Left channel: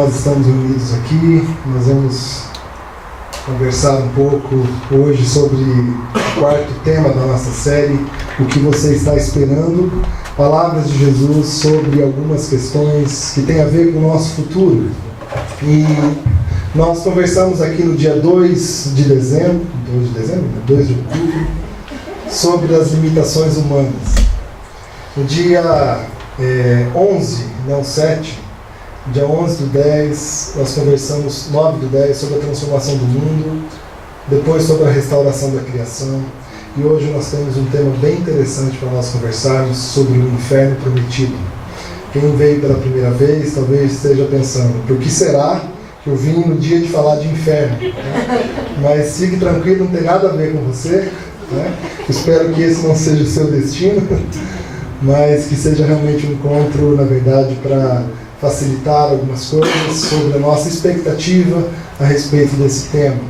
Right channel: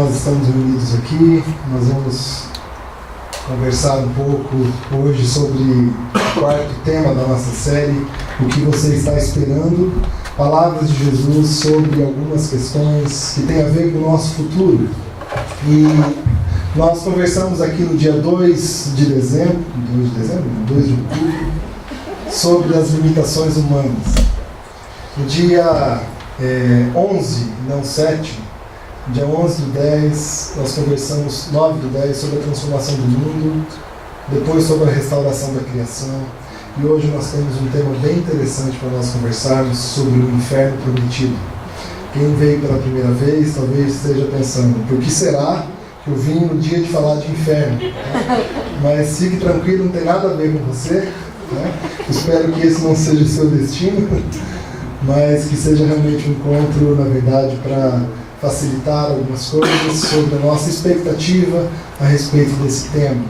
nós estamos reunidos aqui. Nós vamos conversar um pouco hoje sobre o quarto tema da nossa série, o que você está esperando, palavras de Jesus sobre algumas questões que têm a ver com o nosso futuro. E nós conversamos aqui no dia 2 de outubro, sobre as limitações humanas. No dia 11, não 7, dia 11 do 10, nós conversamos, 9 do 10, sobre a transformação do mundo, depois sobre a restauração da criação, e hoje nós temos um tema bem interessante para nós conversarmos sobre o inferno prometido. Quem veio pela primeira vez talvez esteja pensando, por que será que eu vim no dia de falar de inferno? Mas fique tranquilo, não tem nada a ver com você, né? Espero que esse não seja o seu destino, mas que seja realmente um encontro, na verdade, para facilitar algumas coisas sobre a nossa expectativa a respeito desse tema.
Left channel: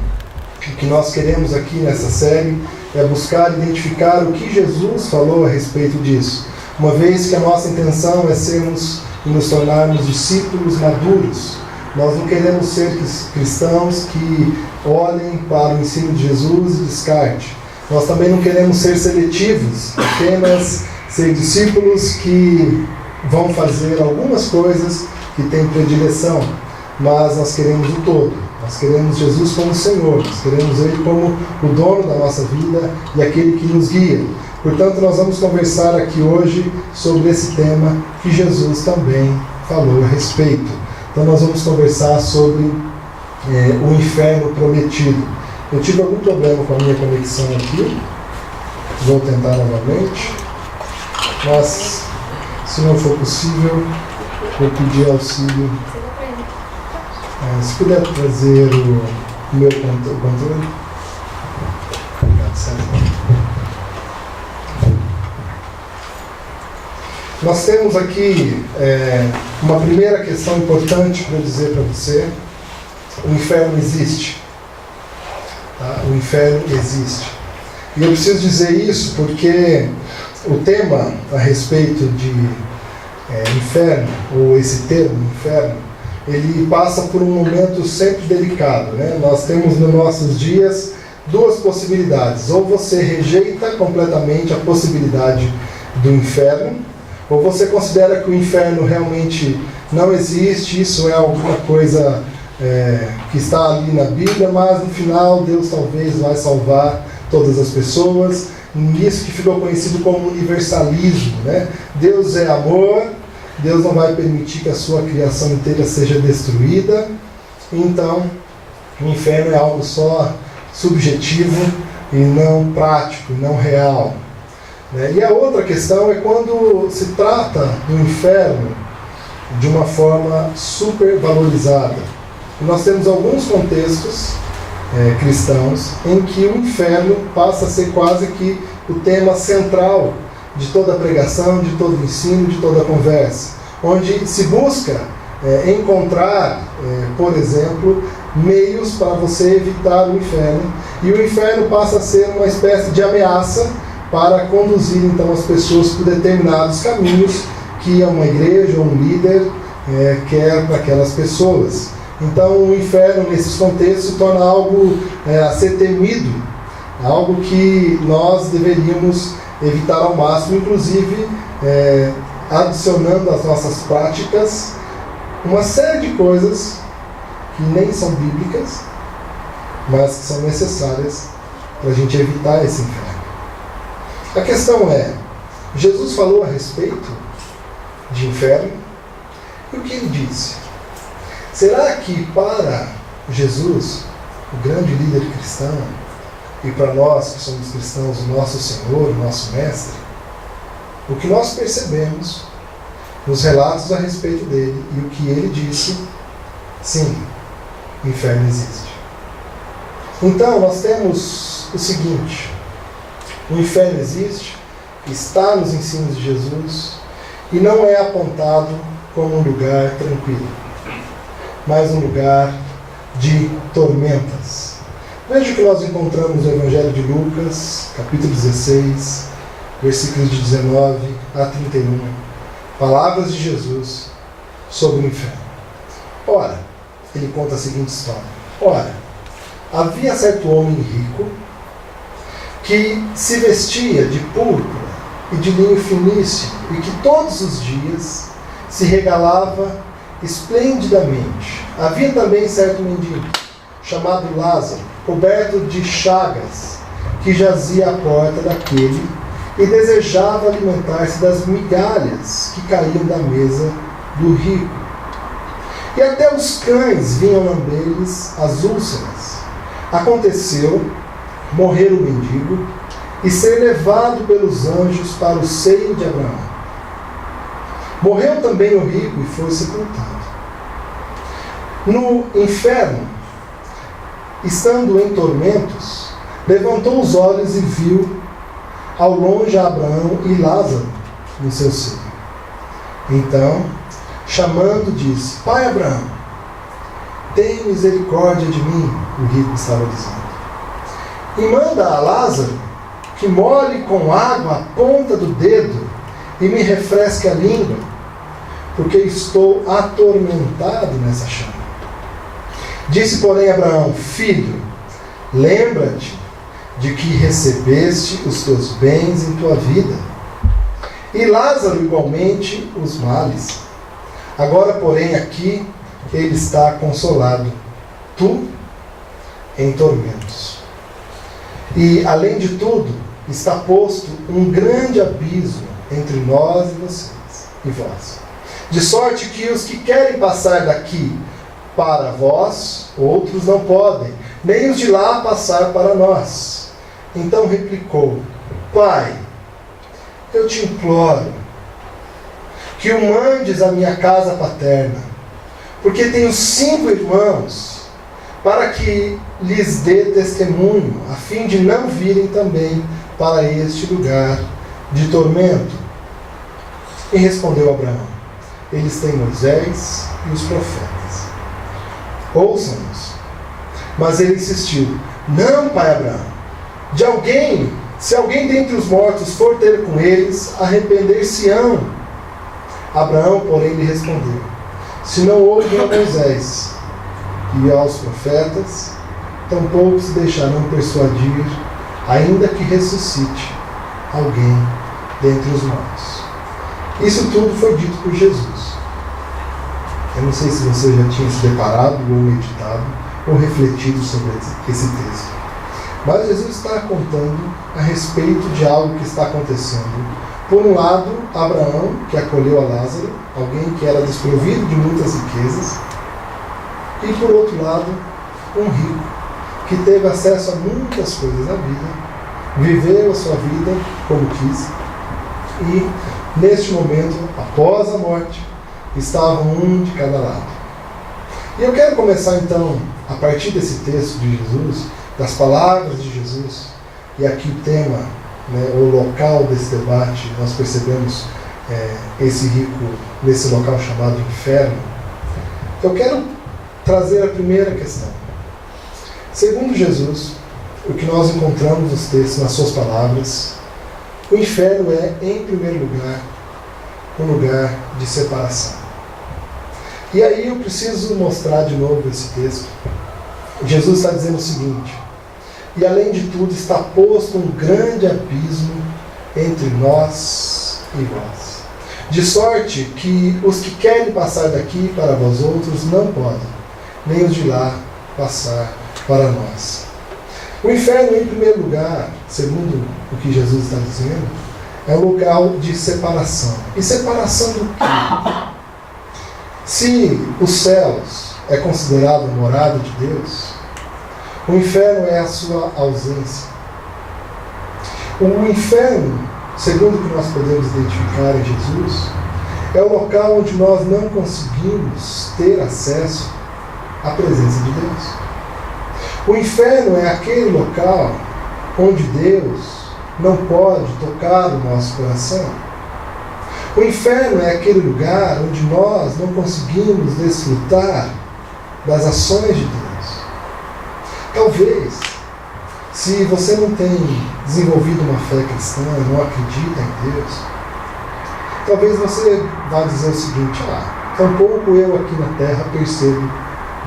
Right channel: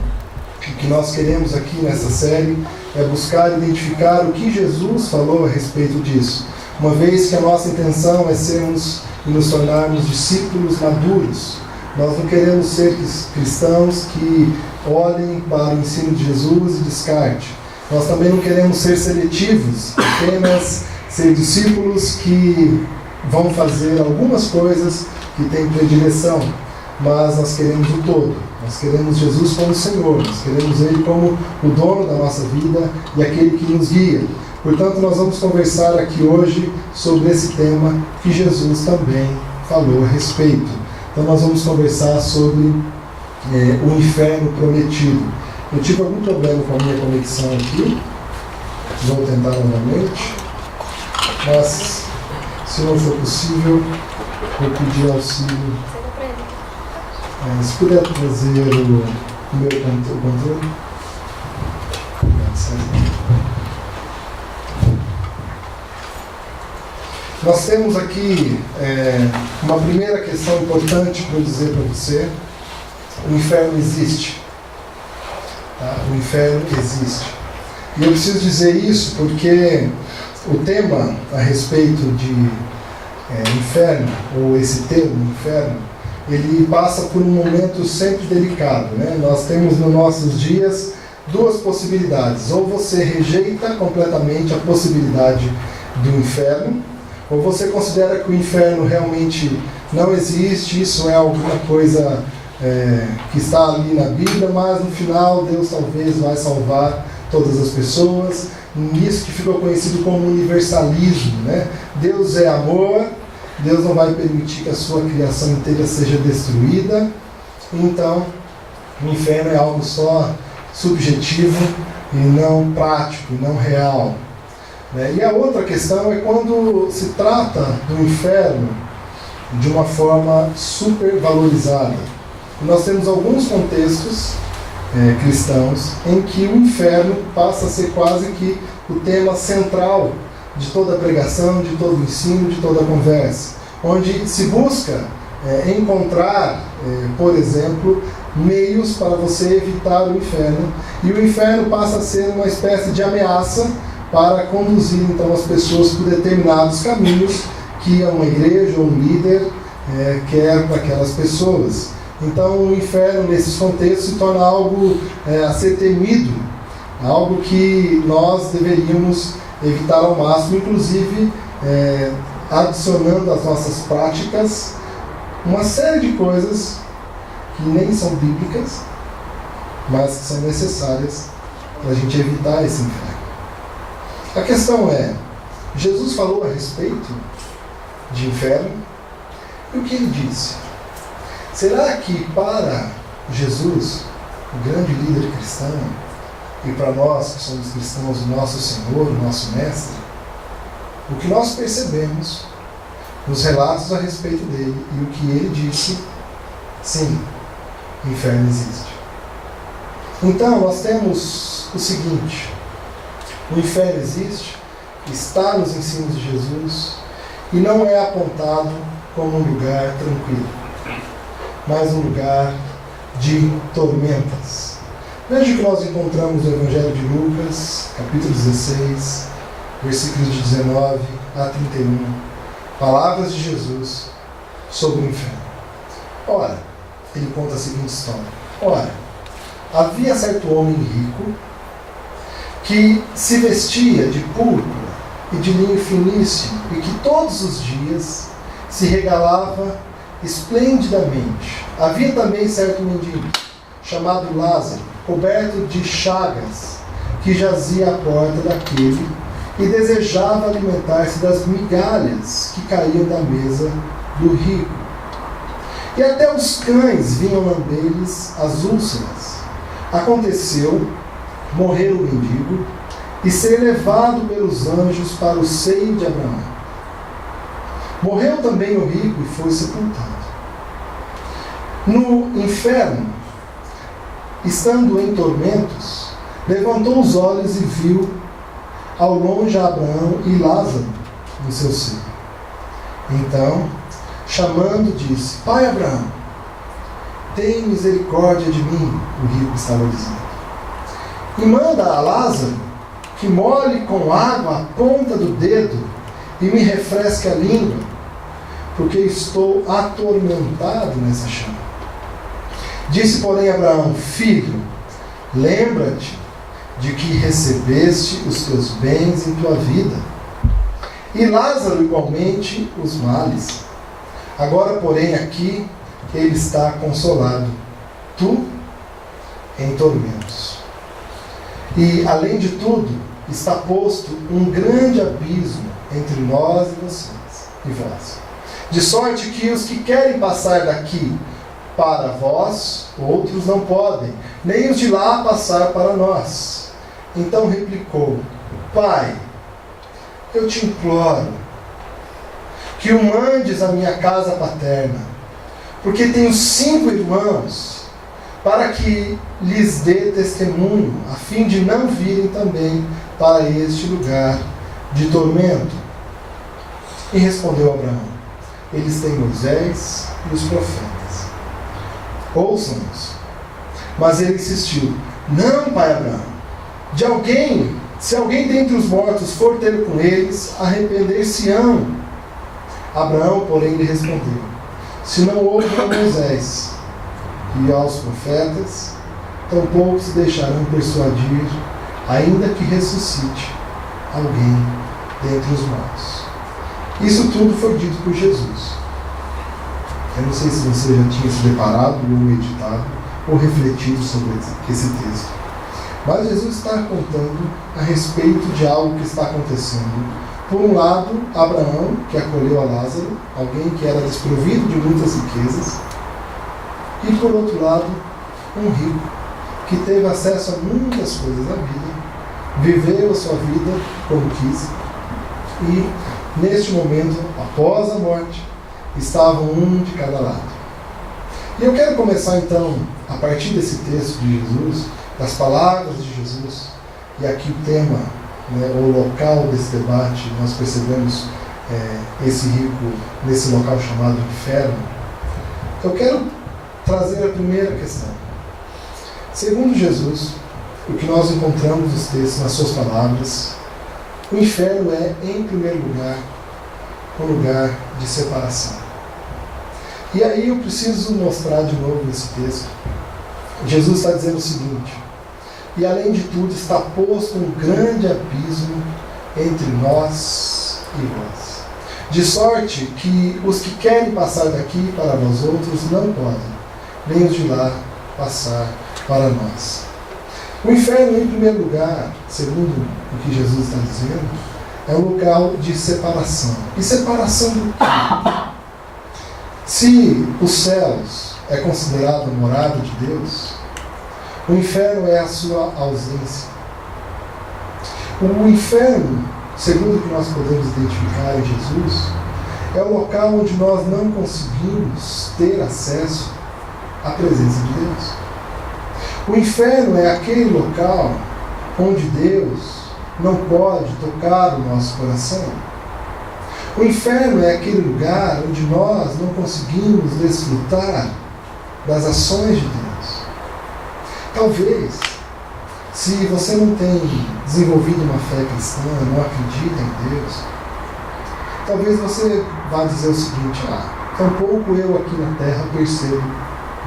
O que nós queremos aqui nessa série é buscar identificar o que Jesus falou a respeito disso, uma vez que a nossa intenção é sermos e nos tornarmos discípulos maduros. Nós não queremos ser cristãos que olhem para o ensino de Jesus e descarte. Nós também não queremos ser seletivos, apenas ser discípulos que vão fazer algumas coisas que têm predileção, mas nós queremos o todo. Nós queremos Jesus como Senhor, nós queremos Ele como o dono da nossa vida e aquele que nos guia. Portanto, nós vamos conversar aqui hoje sobre esse tema que Jesus também falou a respeito. Então nós vamos conversar sobre o inferno prometido. Eu tive algum problema com a minha conexão aqui, vou tentar novamente, mas se não for possível, vou pedir auxílio. Se puder trazer o meu controle. Nós temos aqui uma primeira questão importante para eu dizer para você. O inferno existe. Tá? O inferno existe. E eu preciso dizer isso porque o tema a respeito de inferno, ou esse termo, inferno, ele passa por um momento sempre delicado, né? Nós temos nos nossos dias duas possibilidades. Ou você rejeita completamente a possibilidade do inferno, ou você considera que o inferno realmente não existe, isso é alguma coisa que está ali na Bíblia, mas no final Deus talvez vai salvar todas as pessoas. Nisso que ficou conhecido como universalismo, né? Deus é amor, Deus não vai permitir que a sua criação inteira seja destruída, então o inferno é algo só subjetivo e não prático, e não real. E a outra questão é quando se trata do inferno de uma forma supervalorizada. E nós temos alguns contextos cristãos em que o inferno passa a ser quase que o tema central de toda a pregação, de todo o ensino, de toda a conversa, onde se busca encontrar, por exemplo, meios para você evitar o inferno, e o inferno passa a ser uma espécie de ameaça para conduzir então as pessoas por determinados caminhos que uma igreja ou um líder quer para aquelas pessoas. Então o inferno nesses contextos se torna algo a ser temido, algo que nós deveríamos evitar ao máximo, inclusive adicionando às nossas práticas uma série de coisas que nem são bíblicas, mas que são necessárias para a gente evitar esse inferno. A questão é, Jesus falou a respeito de inferno, e o que ele disse? Será que para Jesus, o grande líder cristão, e para nós que somos cristãos, o nosso Senhor, o nosso Mestre, o que nós percebemos nos relatos a respeito dele e o que ele disse, sim, o inferno existe. Então nós temos o seguinte: o inferno existe, está nos ensinos de Jesus e não é apontado como um lugar tranquilo, mas um lugar de tormentas. Veja o que nós encontramos no Evangelho de Lucas, capítulo 16, versículos de 19 a 31. Palavras de Jesus sobre o inferno. Ora, ele conta a seguinte história. Ora, havia certo homem rico que se vestia de púrpura e de linho finíssimo e que todos os dias se regalava esplendidamente. Havia também certo mendigo, chamado Lázaro, coberto de chagas, que jazia à porta daquele e desejava alimentar-se das migalhas que caíam da mesa do rico. E até os cães vinham lamber-lhes as úlceras. Aconteceu morrer o mendigo e ser levado pelos anjos para o seio de Abraão. Morreu também o rico e foi sepultado. No inferno, estando em tormentos, levantou os olhos e viu ao longe Abraão e Lázaro no seu seio. Então, chamando, disse: Pai Abraão, tem misericórdia de mim, o rico estava dizendo. E manda a Lázaro que molhe com água a ponta do dedo e me refresque a língua, porque estou atormentado nessa chama. Disse, porém, Abraão: Filho, lembra-te de que recebeste os teus bens em tua vida, e Lázaro igualmente os males. Agora, porém, aqui ele está consolado, tu em tormentos. E, além de tudo, está posto um grande abismo entre nós e vocês, e vós. De sorte que os que querem passar daqui para vós, outros não podem, nem os de lá passar para nós. Então replicou: Pai, eu te imploro que o mandes à minha casa paterna, porque tenho 5 irmãos, para que lhes dê testemunho, a fim de não virem também para este lugar de tormento. E respondeu Abraão: Eles têm Moisés e os profetas. Ouçam-nos. Mas ele insistiu: Não, pai Abraão. Se alguém dentre os mortos for ter com eles, arrepender-se-ão. Abraão, porém, lhe respondeu: Se não ouvem a Moisés e aos profetas, tampouco se deixarão persuadir, ainda que ressuscite alguém dentre os mortos. Isso tudo foi dito por Jesus. Eu não sei se você já tinha se deparado ou meditado ou refletido sobre esse texto. Mas Jesus está contando a respeito de algo que está acontecendo. Por um lado, Abraão, que acolheu a Lázaro, alguém que era desprovido de muitas riquezas. E por outro lado, um rico, que teve acesso a muitas coisas da vida, viveu a sua vida como quis. E, neste momento, após a morte, estavam um de cada lado. E eu quero começar então, a partir desse texto de Jesus, das palavras de Jesus, e aqui o tema, o local desse debate, nós percebemos esse rico nesse local chamado inferno. Eu quero trazer a primeira questão. Segundo Jesus, o que nós encontramos nos textos, nas suas palavras, o inferno é, em primeiro lugar, um lugar de separação. E aí eu preciso mostrar de novo esse texto. Jesus está dizendo o seguinte: e além de tudo está posto um grande abismo entre nós e vós, de sorte que os que querem passar daqui para vós outros não podem, nem os de lá passar para nós. O inferno, em primeiro lugar, segundo o que Jesus está dizendo, é um local de separação. E separação do quê? Se os céus é considerado a morada de Deus, o inferno é a sua ausência. O inferno, segundo o que nós podemos identificar em Jesus, é o local onde nós não conseguimos ter acesso à presença de Deus. O inferno é aquele local onde Deus não pode tocar o nosso coração. O inferno é aquele lugar onde nós não conseguimos desfrutar das ações de Deus. Talvez, se você não tem desenvolvido uma fé cristã, não acredita em Deus, talvez você vá dizer o seguinte: tampouco eu aqui na terra percebo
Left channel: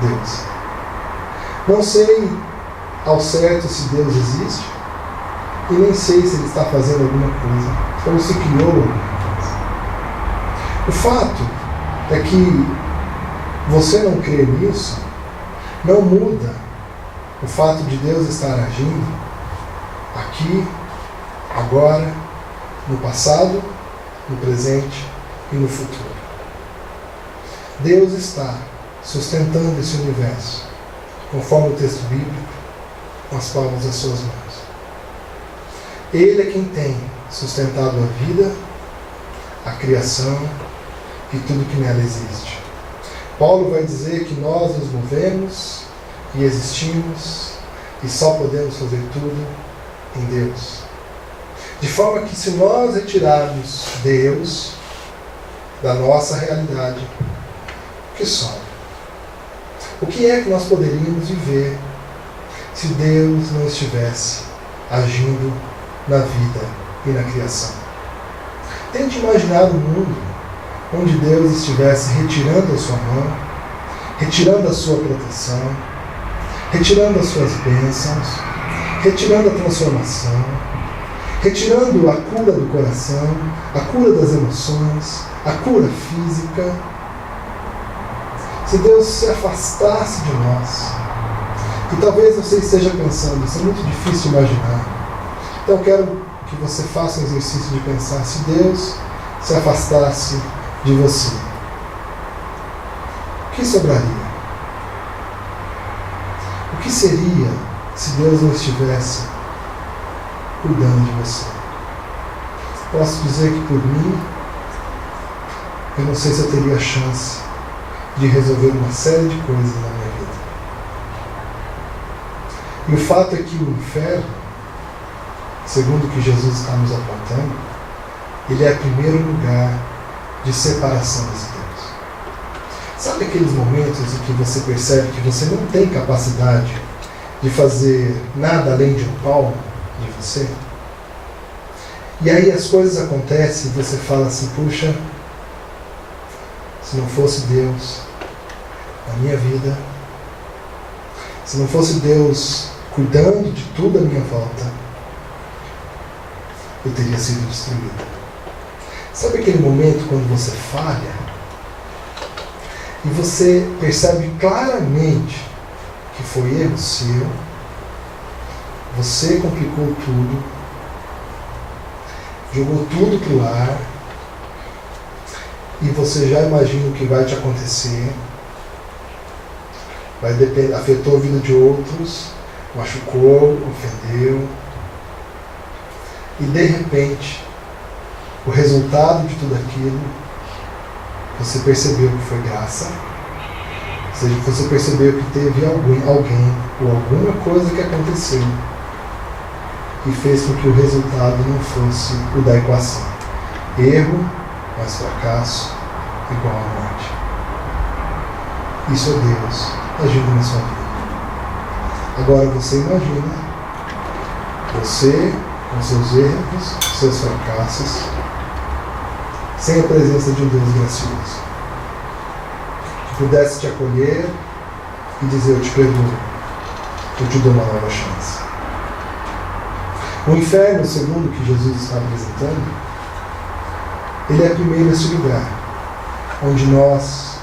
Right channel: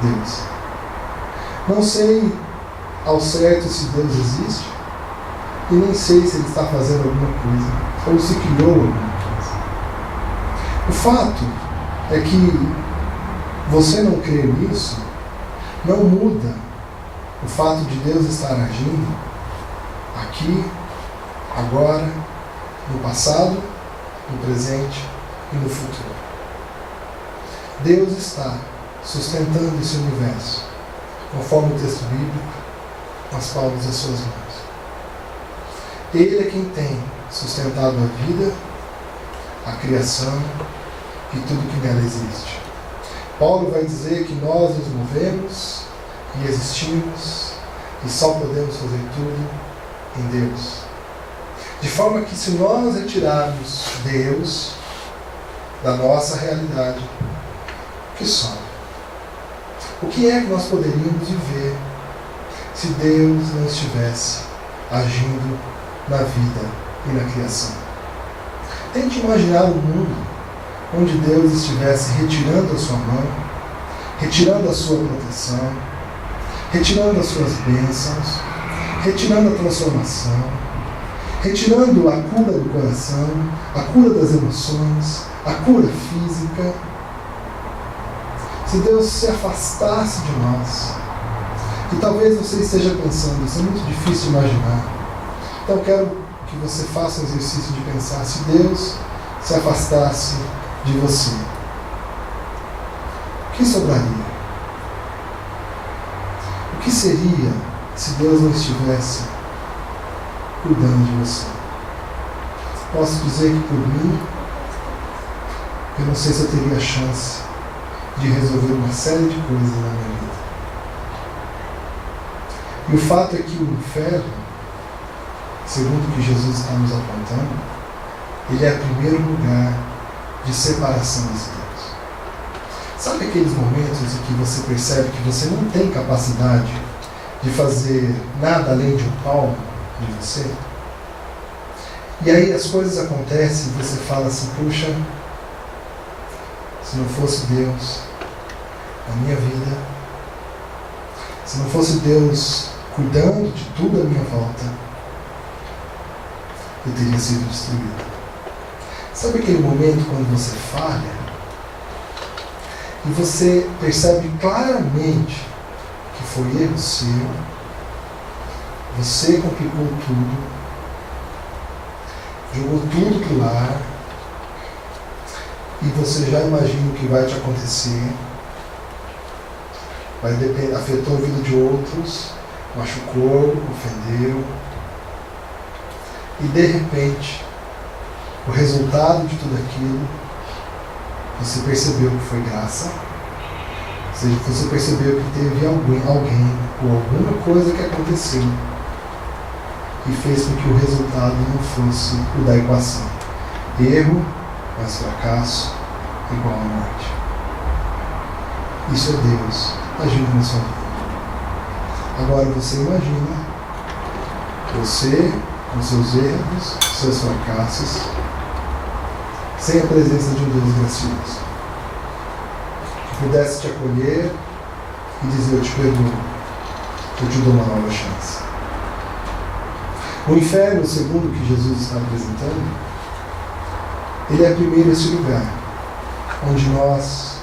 Deus. Não sei ao certo se Deus existe e nem sei se Ele está fazendo alguma coisa, ou se criou alguma coisa. O fato é que você não crer nisso não muda o fato de Deus estar agindo aqui, agora, no passado, no presente e no futuro. Deus está sustentando esse universo, conforme o texto bíblico, com as palmas das suas mãos. Ele é quem tem sustentado a vida, a criação e tudo que nela existe. Paulo vai dizer que nós nos movemos e existimos e só podemos fazer tudo em Deus. De forma que se nós retirarmos Deus da nossa realidade, o que sobra? O que é que nós poderíamos viver se Deus não estivesse agindo na vida e na criação? Tente imaginar um mundo onde Deus estivesse retirando a sua mão, retirando a sua proteção, retirando as suas bênçãos, retirando a transformação, retirando a cura do coração, a cura das emoções, a cura física. Se Deus se afastasse de nós, e talvez você esteja pensando, isso é muito difícil de imaginar, então eu quero que você faça um exercício de pensar, se Deus se afastasse de você, o que sobraria? O que seria se Deus não estivesse cuidando de você? Posso dizer que por mim, eu não sei se eu teria chance de resolver uma série de coisas na minha vida. E o fato é que o inferno, segundo o que Jesus está nos apontando, ele é o primeiro lugar de separação de Deus. Sabe aqueles momentos em que você percebe que você não tem capacidade de fazer nada além de um palmo de você? E aí as coisas acontecem e você fala assim, puxa, se não fosse Deus na minha vida, se não fosse Deus cuidando de tudo à minha volta, eu teria sido destruído. Sabe aquele momento quando você falha e você percebe claramente que foi erro seu, você complicou tudo, jogou tudo pro ar e você já imagina o que vai te acontecer, afetou a vida de outros, machucou, ofendeu, e de repente o resultado de tudo aquilo, você percebeu que foi graça, ou seja, você percebeu que teve alguém ou alguma coisa que aconteceu e fez com que o resultado não fosse o da equação. Erro mais fracasso igual à morte. Isso é Deus agindo na sua vida. Agora você imagina você com seus erros, seus fracassos, sem a presença de um Deus gracioso, que pudesse te acolher e dizer, eu te perdoo, eu te dou uma nova chance. O inferno, segundo o que Jesus está apresentando, ele é primeiro esse lugar onde nós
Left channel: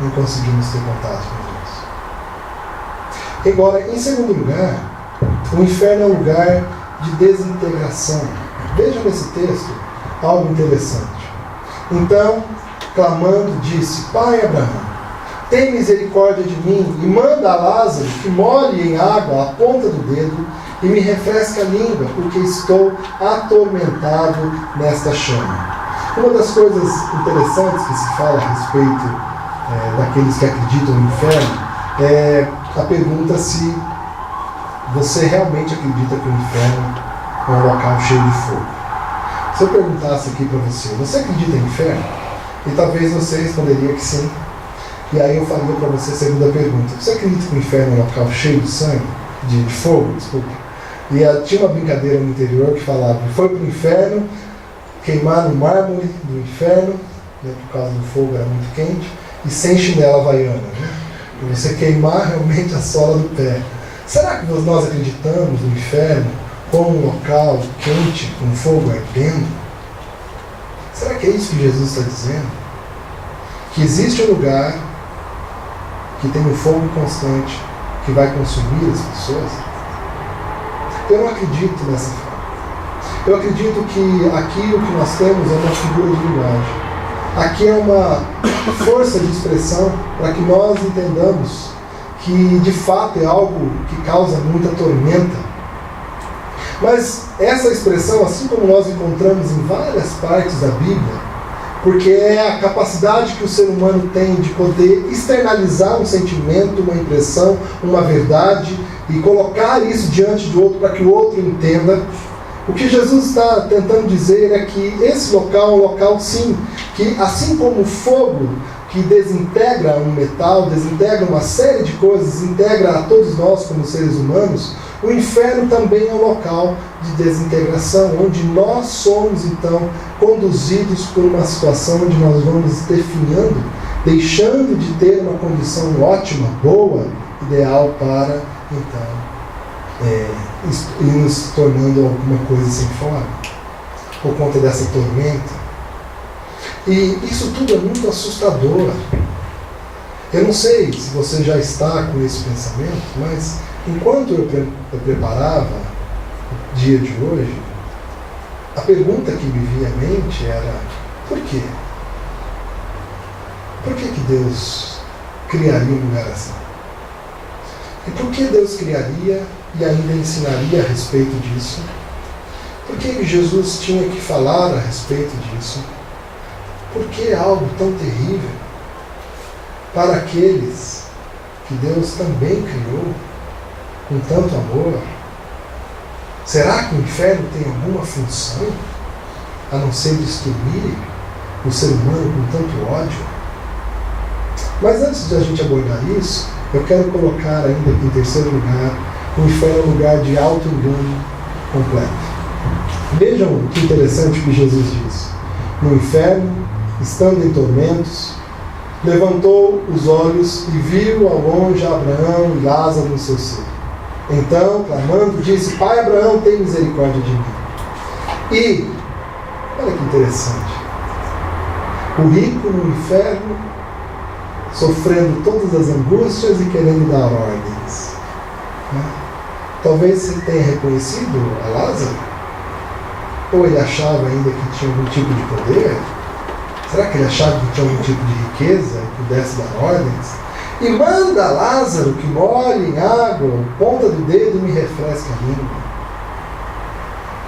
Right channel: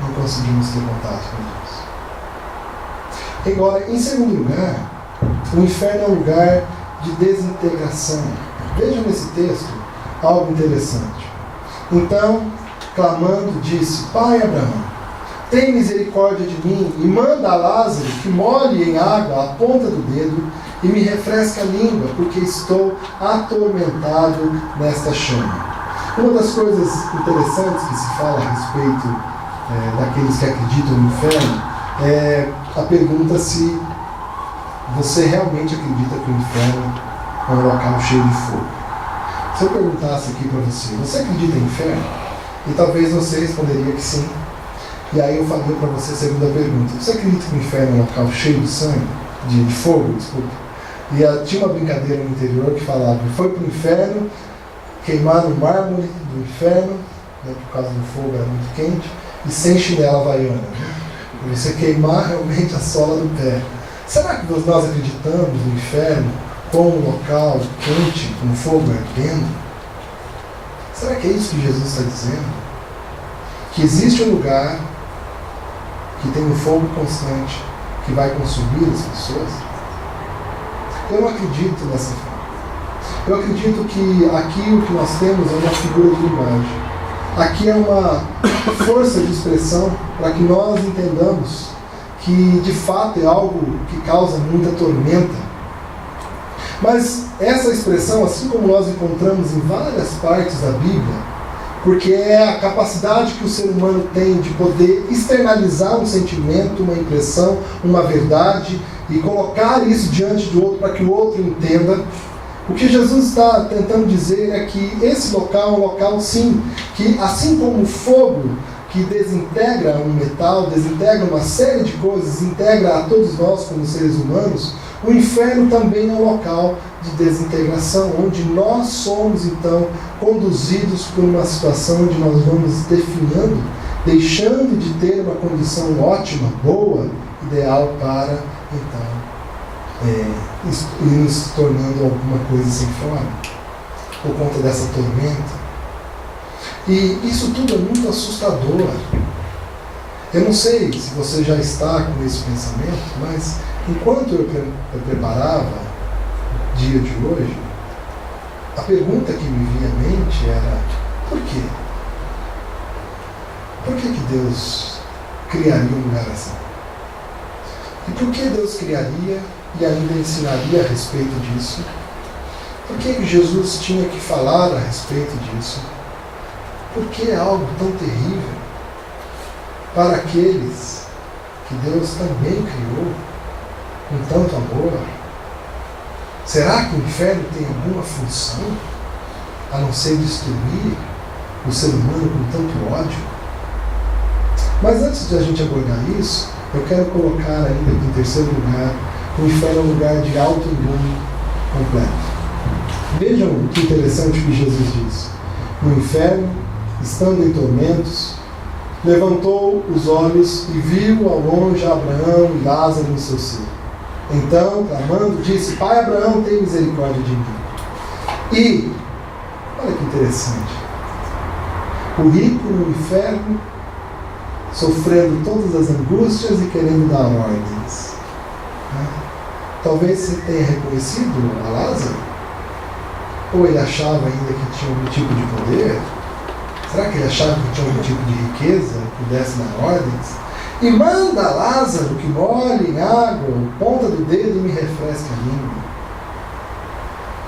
não conseguimos ter contato com Deus. Agora, em segundo lugar, o inferno é um lugar de desintegração. Veja nesse texto algo interessante. Então, clamando, disse, Pai Abraão, tem misericórdia de mim e manda a Lázaro que molhe em água a ponta do dedo e me refresque a língua, porque estou atormentado nesta chama. Uma das coisas interessantes que se fala a respeito daqueles que acreditam no inferno é a pergunta se você realmente acredita que o inferno é um local cheio de fogo. Se eu perguntasse aqui para você, você acredita em inferno? E talvez você responderia que sim. E aí eu faria para você a segunda pergunta. Você acredita que o inferno é um local cheio de sangue? De fogo, desculpa. E tinha uma brincadeira no interior que falava, foi para o inferno, queimar no mármore do inferno, né, por causa do fogo era muito quente, e sem chinela havaiana, né? E você queimar realmente a sola do pé. Será que nós acreditamos no inferno como um local quente, com fogo ardendo? Será que é isso que Jesus está dizendo? Que existe um lugar que tem um fogo constante que vai consumir as pessoas? Eu não acredito nessa forma. Eu acredito que aqui o que nós temos é uma figura de linguagem. Aqui é uma força de expressão para que nós entendamos que de fato é algo que causa muita tormenta. Mas essa expressão, assim como nós encontramos em várias partes da Bíblia, porque é a capacidade que o ser humano tem de poder externalizar um sentimento, uma impressão, uma verdade e colocar isso diante do outro para que o outro entenda. O que Jesus está tentando dizer é que esse local é um local, sim, que assim como o fogo que desintegra um metal, desintegra uma série de coisas, integra a todos nós como seres humanos, o inferno também é um local de desintegração, onde nós somos, então, conduzidos por uma situação onde nós vamos definhando, deixando de ter uma condição ótima, boa, ideal para, então, ir nos tornando alguma coisa sem forma, por conta dessa tormenta. E isso tudo é muito assustador. Eu não sei se você já está com esse pensamento, mas enquanto eu preparava o dia de hoje, a pergunta que me vinha à mente era: por quê? Por que Deus criaria um lugar assim? E por que Deus criaria e ainda ensinaria a respeito disso? Por que Jesus tinha que falar a respeito disso? Por que é algo tão terrível para aqueles que Deus também criou com tanto amor? Será que o inferno tem alguma função a não ser destruir o ser humano com tanto ódio? Mas antes de a gente abordar isso, eu quero colocar ainda em terceiro lugar, o inferno é um lugar de auto-engano completo. Vejam que interessante o que Jesus diz. No inferno, estando em tormentos, levantou os olhos e viu ao longe Abraão e Lázaro no seu seio. Então, clamando, disse: Pai Abraão, tem misericórdia de mim. E, olha que interessante, o rico no inferno, sofrendo todas as angústias e querendo dar ordens. Talvez você tenha reconhecido a Lázaro, ou ele achava ainda que tinha algum tipo de poder. Será que ele achava que tinha algum tipo de riqueza que pudesse dar ordens? E manda Lázaro que molhe em água, a ponta do dedo e me refresque a língua.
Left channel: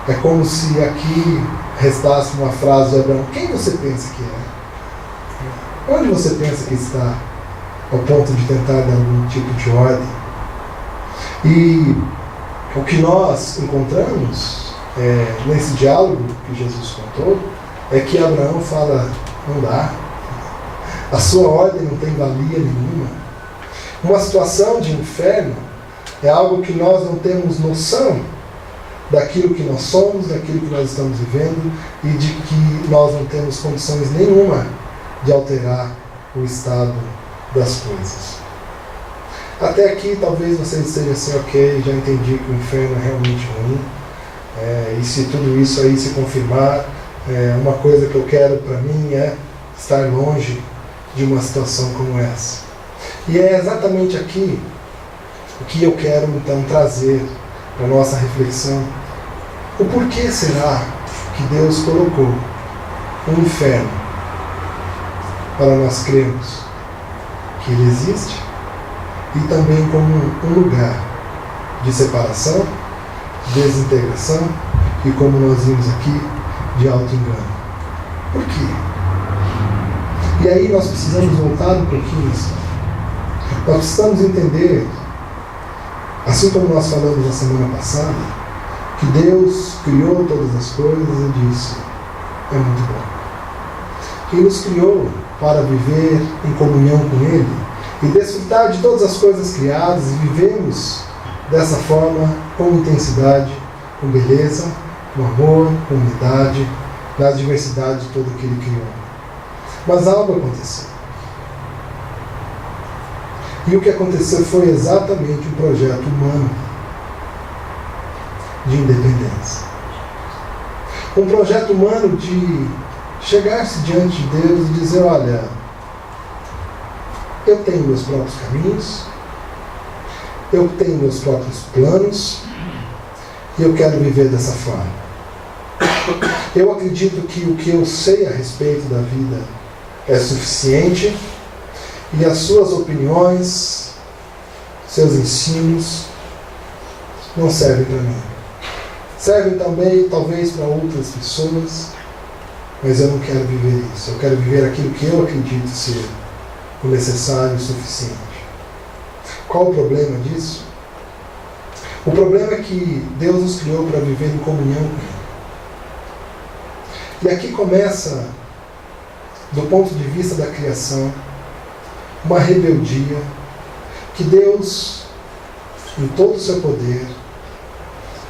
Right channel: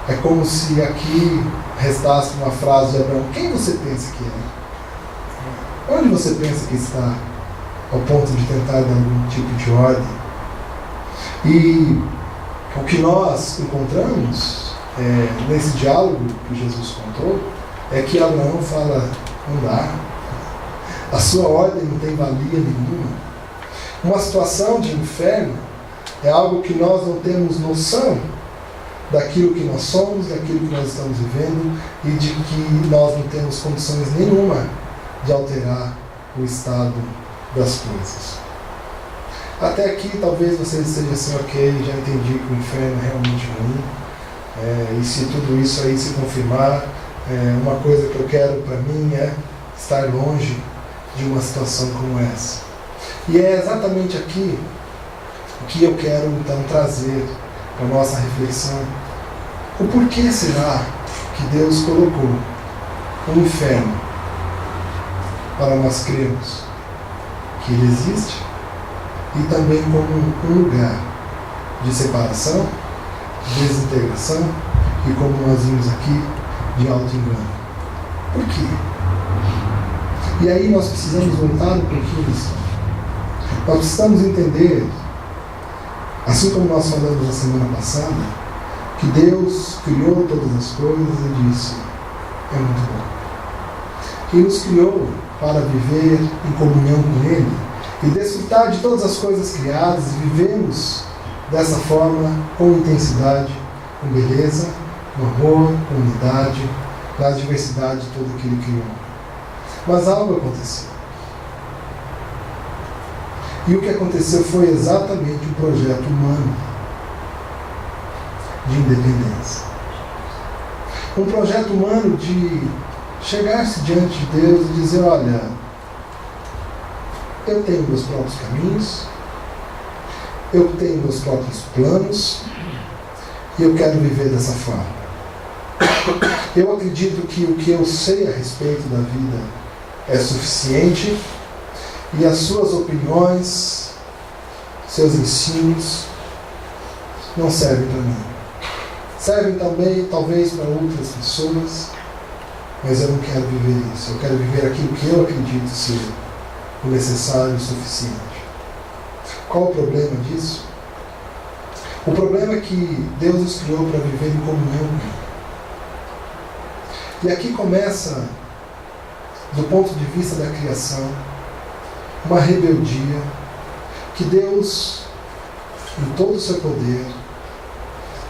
É como se aqui restasse uma frase de Abraão: quem você pensa que é? Onde você pensa que está ao ponto de tentar dar algum tipo de ordem? E o que nós encontramos nesse diálogo que Jesus contou é que Abraão fala: não dá. A sua ordem não tem valia nenhuma. Uma situação de inferno é algo que nós não temos noção daquilo que nós somos, daquilo que nós estamos vivendo e de que nós não temos condições nenhuma de alterar o estado das coisas. Até aqui talvez você esteja assim: ok, já entendi que o inferno é realmente ruim, e se tudo isso aí se confirmar, uma coisa que eu quero para mim é estar longe de uma situação como essa. E é exatamente aqui o que eu quero então trazer para a nossa reflexão. O porquê será que Deus colocou um inferno para nós crermos que ele existe, e também como um lugar de separação, de desintegração e, como nós vimos aqui, de auto-engano? Por quê? E aí nós precisamos voltar um pouquinho nisso. Nós precisamos entender, assim como nós falamos na semana passada, que Deus criou todas as coisas e disse: é muito bom. Que Ele nos criou para viver em comunhão com Ele e desfrutar de todas as coisas criadas, e vivemos dessa forma com intensidade, com beleza, com amor, com unidade, na diversidade de tudo que Ele criou. Mas algo aconteceu. E o que aconteceu foi exatamente um projeto humano de independência. Um projeto humano de chegar-se diante de Deus e dizer, olha, eu tenho meus próprios caminhos, eu tenho meus próprios planos, e eu quero viver dessa forma. Eu acredito que o que eu sei a respeito da vida é suficiente, e as suas opiniões, seus ensinos, não servem para mim. Servem também, talvez, para outras pessoas, mas eu não quero viver isso. Eu quero viver aquilo que eu acredito ser o necessário e o suficiente. Qual o problema disso? O problema é que Deus nos criou para viver em comunhão com Ele. E aqui começa, do ponto de vista da criação, uma rebeldia que Deus, em todo o seu poder,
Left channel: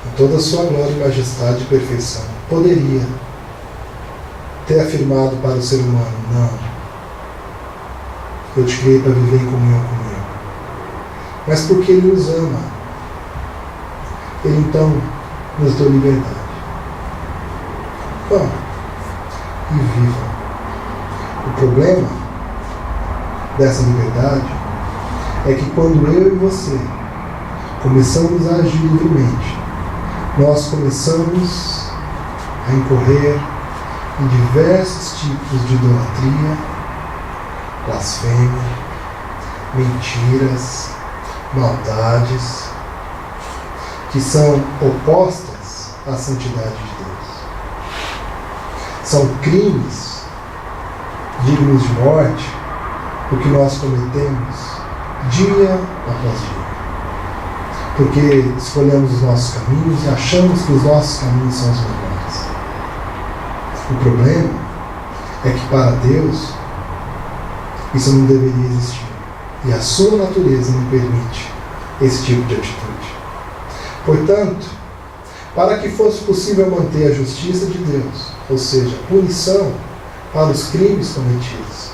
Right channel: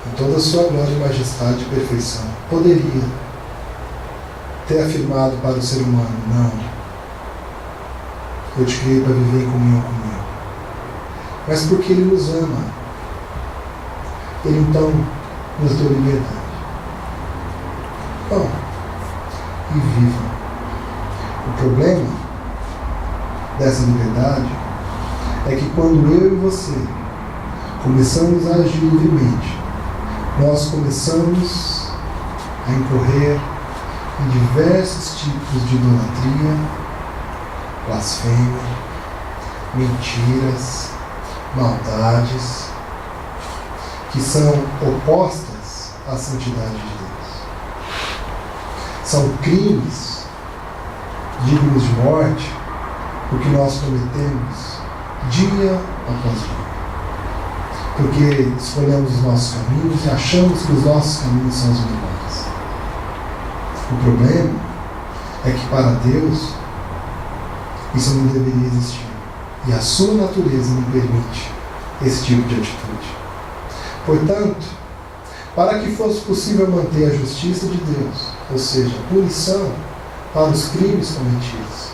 em toda a sua glória e majestade e perfeição, poderia ter afirmado para o ser humano, não, eu te criei para viver em comunhão comigo. Mas porque Ele nos ama, Ele então nos deu liberdade. Vão e vivam. O problema dessa liberdade é que quando eu e você começamos a agir livremente, nós começamos a incorrer em diversos tipos de idolatria, blasfêmia, mentiras, maldades, que são opostas à santidade de Deus. São crimes dignos de morte, o que nós cometemos dia após dia. Porque escolhemos os nossos caminhos e achamos que os nossos caminhos são os melhores. O problema é que para Deus isso não deveria existir. E a sua natureza não permite esse tipo de atitude. Portanto, para que fosse possível manter a justiça de Deus, ou seja, punição para os crimes cometidos,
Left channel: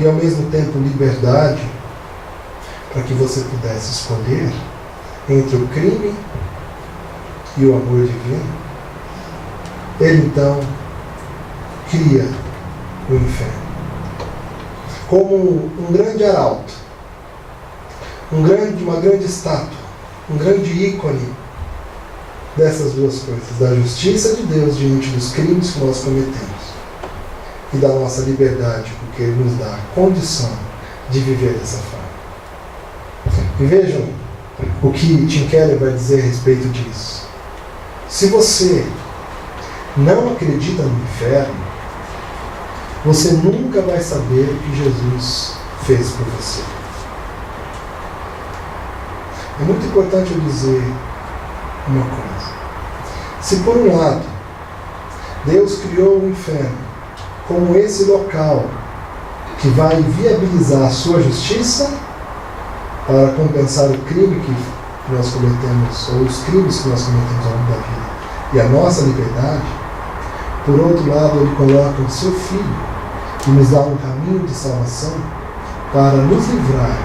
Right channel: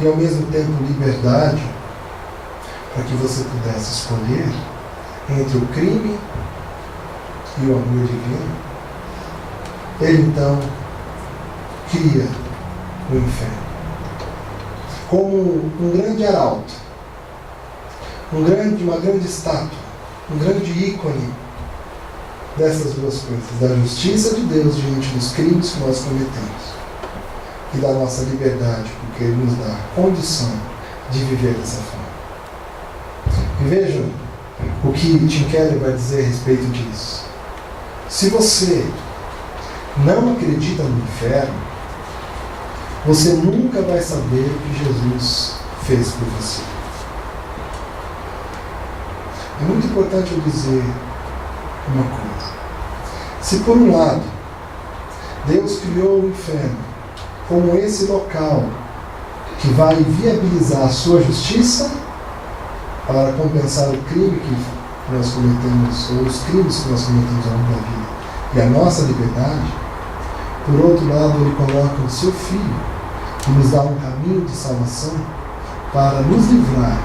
e ao mesmo tempo liberdade, para que você pudesse escolher entre o crime e o amor divino, Ele então cria o inferno como um grande arauto, uma grande estátua, um grande ícone dessas duas coisas, da justiça de Deus diante dos crimes que nós cometemos e da nossa liberdade, porque Ele nos dá a condição de viver dessa forma. E vejam o que Tim Keller vai dizer a respeito disso. Se você não acredita no inferno, você nunca vai saber o que Jesus fez por você. É muito importante eu dizer uma coisa. Se por um lado, Deus criou o inferno como esse local que vai viabilizar a sua justiça para compensar o crime que nós cometemos, ou os crimes que nós cometemos ao longo da vida, e a nossa liberdade, por outro lado, Ele coloca o seu Filho, que nos dá um caminho de salvação para nos livrar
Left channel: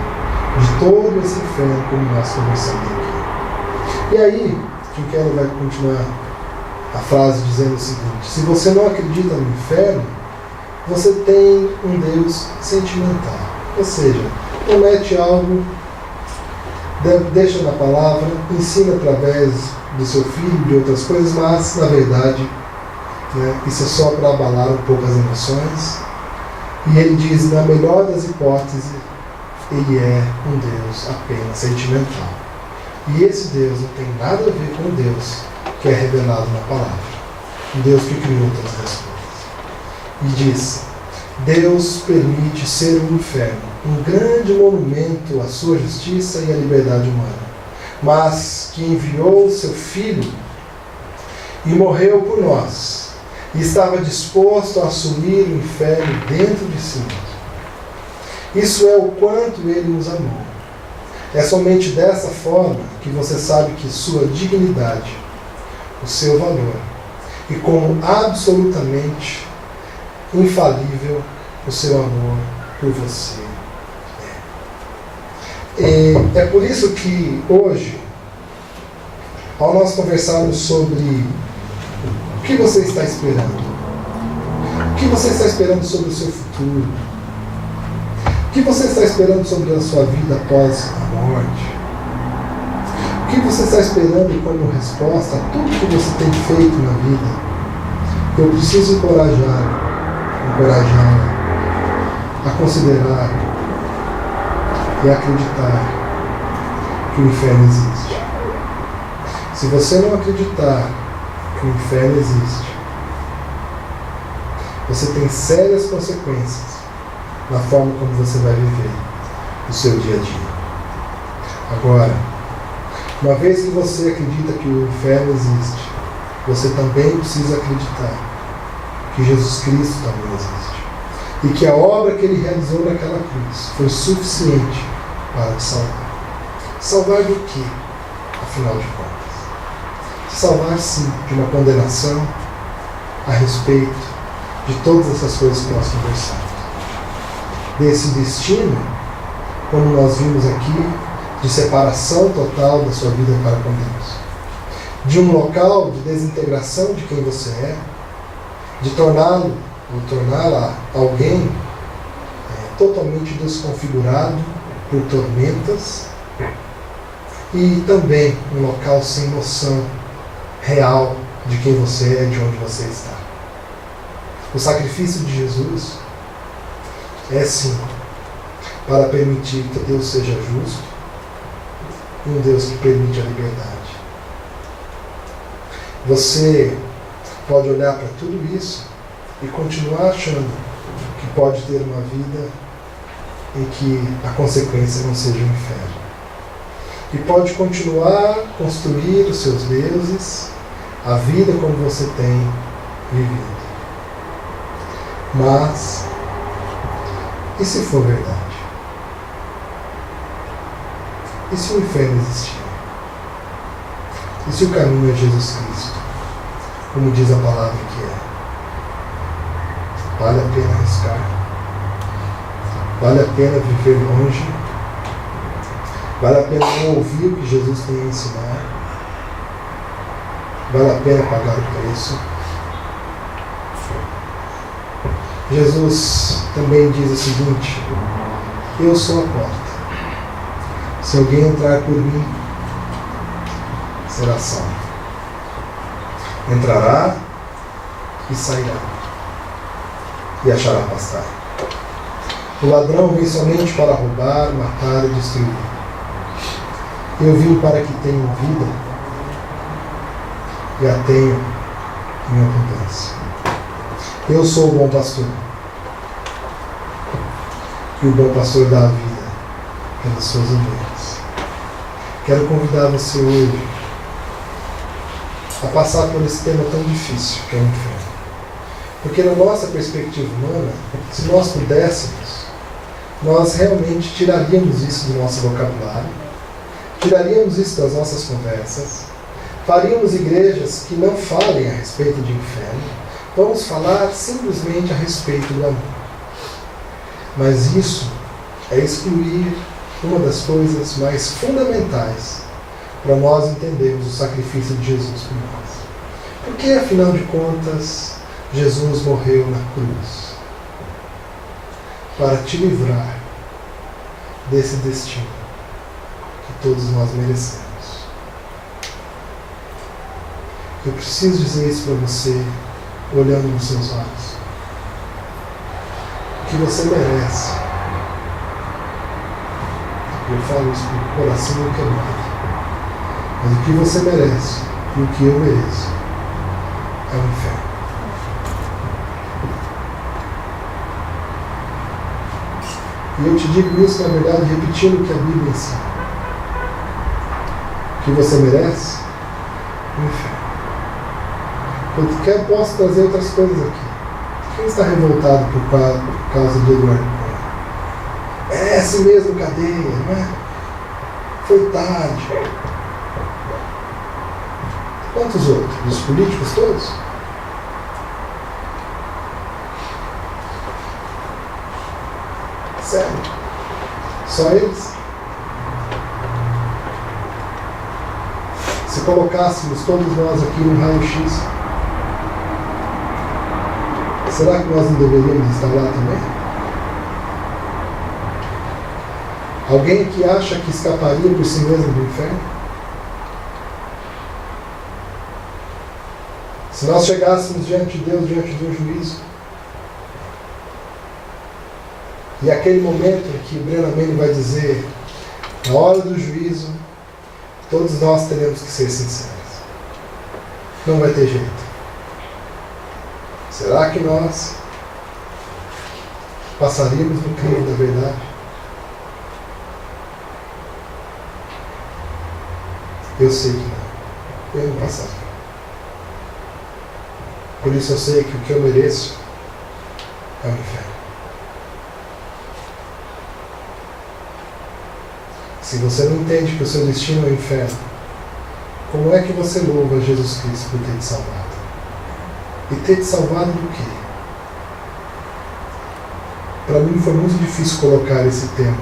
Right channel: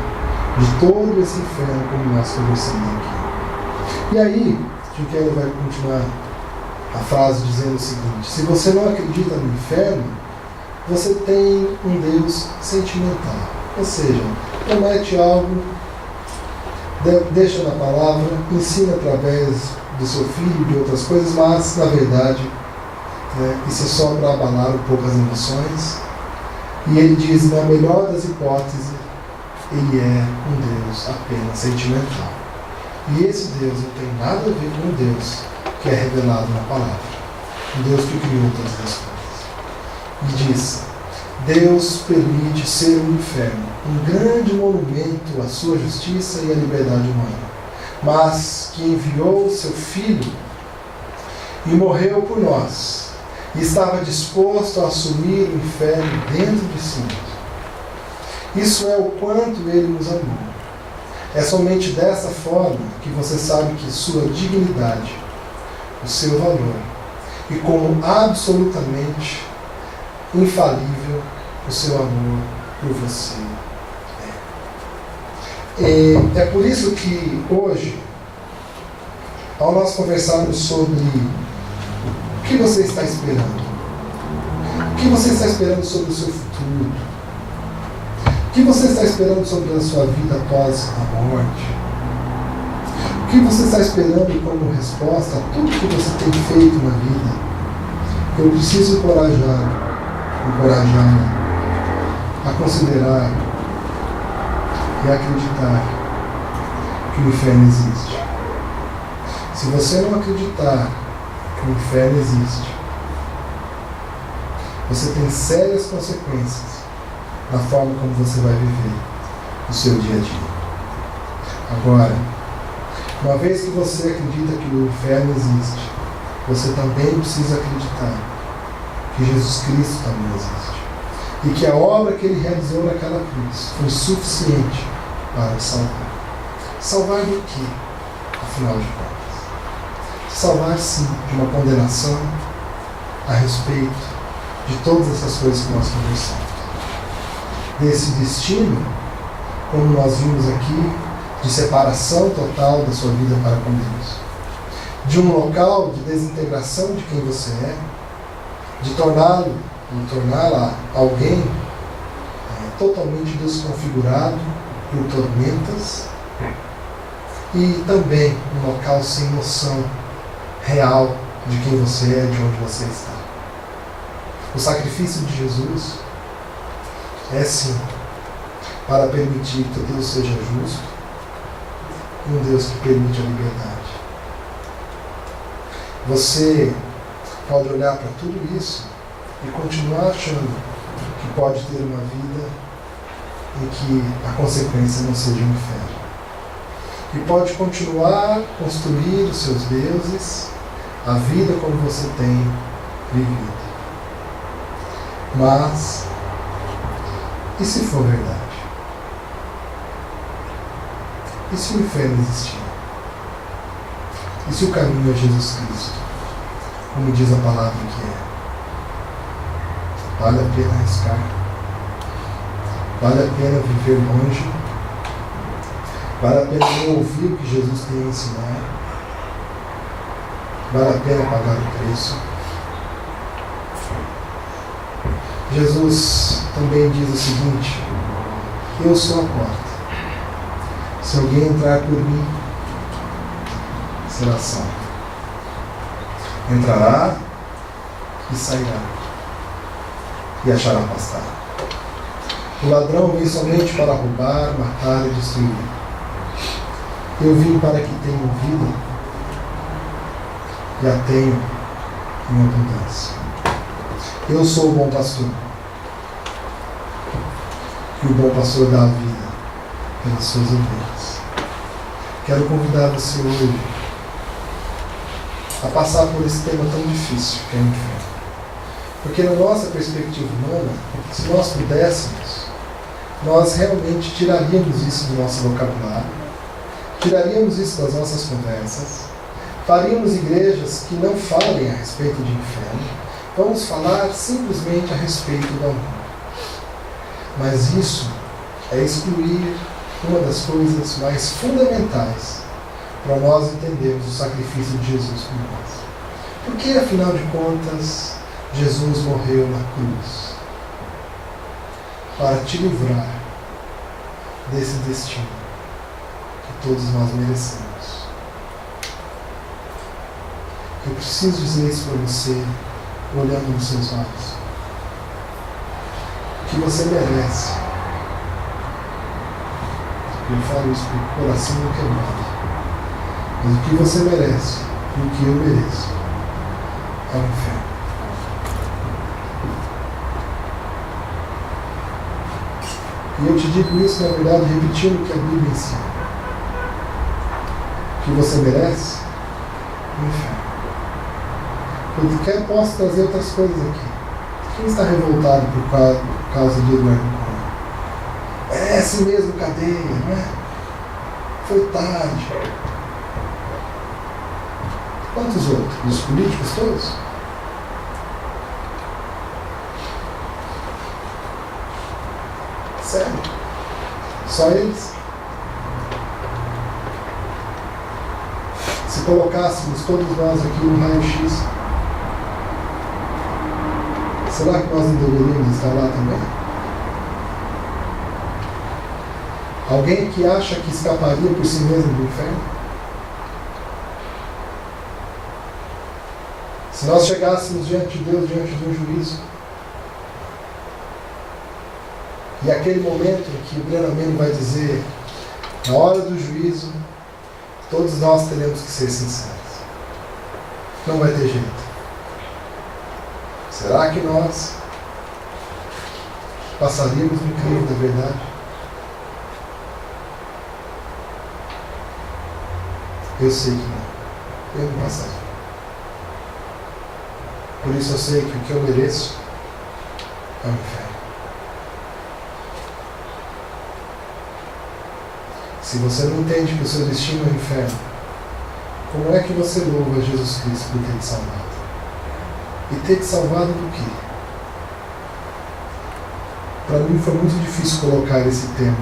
de todo esse inferno, como nós conversamos aqui. E aí, Tim Keller vai continuar a frase dizendo o seguinte: se você não acredita no inferno, você tem um Deus sentimental. Ou seja, promete algo, deixa na palavra, ensina através do seu filho e de outras coisas, mas, na verdade, isso é só para abalar um pouco as emoções. E ele diz, na melhor das hipóteses, Ele é um Deus apenas sentimental. E esse Deus não tem nada a ver com o Deus que é revelado na palavra. O Deus que criou todas as coisas. E diz, Deus permite ser um inferno, um grande monumento à sua justiça e à liberdade humana, mas que enviou o seu Filho e morreu por nós, e estava disposto a assumir o inferno dentro de si mesmo. Isso é o quanto Ele nos amou. É somente dessa forma que você sabe que sua dignidade, o seu valor, e como absolutamente infalível o seu amor por você é. É por isso que hoje, ao nós conversarmos sobre o que você está esperando, o que você está esperando sobre o seu futuro, o que você está esperando sobre a sua vida após a morte, o que você está esperando como resposta a tudo que você tem feito na vida, eu preciso encorajá-la a considerar e acreditar que o inferno existe. Se você não acreditar que o inferno existe, você tem sérias consequências na forma como você vai viver o seu dia a dia. Agora, uma vez que você acredita que o inferno existe, você também precisa acreditar que Jesus Cristo também existe. E que a obra que ele realizou naquela cruz foi suficiente para te salvar. Salvar do quê, afinal de contas? Salvar, sim, de uma condenação a respeito de todas essas coisas que nós conversamos. Desse destino, como nós vimos aqui, de separação total da sua vida para com Deus. De um local de desintegração de quem você é, de torná-lo ou torná-la alguém totalmente desconfigurado por tormentas, e também um local sem noção real de quem você é, de onde você está. O sacrifício de Jesus é sim para permitir que Deus seja justo, um Deus que permite a liberdade. Você pode olhar para tudo isso e continuar achando que pode ter uma vida em que a consequência não seja o inferno. E pode continuar a construir os seus deuses, a vida como você tem vivido. Mas, e se for verdade? E se o inferno existir? E se o caminho é Jesus Cristo? Como diz a palavra que é? Vale a pena arriscar? Vale a pena viver longe? Vale a pena ouvir o que Jesus tem a ensinar? Vale a pena pagar o preço? Jesus também diz o seguinte: eu sou a porta. Se alguém entrar por mim, será salvo. Entrará e sairá, e achará pastagem. O ladrão vem somente para roubar, matar e destruir. Eu vim para que tenham vida e a tenham em abundância. Eu sou o bom pastor. E o bom pastor dá a vida pelas suas ovelhas. Quero convidar você hoje a passar por esse tema tão difícil que é o inferno. Porque na nossa perspectiva humana, se nós pudéssemos, nós realmente tiraríamos isso do nosso vocabulário, tiraríamos isso das nossas conversas, faríamos igrejas que não falem a respeito de inferno, vamos falar simplesmente a respeito do amor. Mas isso é excluir uma das coisas mais fundamentais para nós entendermos o sacrifício de Jesus por nós. Porque, afinal de contas, Jesus morreu na cruz para te livrar desse destino que todos nós merecemos. Eu preciso dizer isso para você, olhando nos seus olhos. O que você merece. Eu falo isso com o coração quebrado. Mas o que você merece e o que eu mereço é o inferno. E eu te digo isso, na verdade, repetindo o que a Bíblia ensina. O que você merece? O inferno. Eu posso trazer outras coisas aqui. Quem está revoltado por causa de Eduardo Cunha? Merece mesmo cadeia, não é? Foi tarde. Quantos outros? Os políticos todos? Sério? Só eles? Se colocássemos todos nós aqui no raio-x, será que nós não deveríamos estar lá também? Alguém que acha que escaparia por si mesmo do inferno? Se nós chegássemos diante de Deus, diante de um juízo, e aquele momento em que o Brennan vai dizer, na hora do juízo, todos nós teremos que ser sinceros. Não vai ter jeito. Será que nós passaríamos no crivo da verdade? Eu sei que não. Eu não passaria. Por isso eu sei que o que eu mereço é o inferno. Se você não entende que o seu destino é o inferno, como é que você louva Jesus Cristo por ter te salvado? E ter te salvado do quê? Para mim foi muito difícil colocar esse tema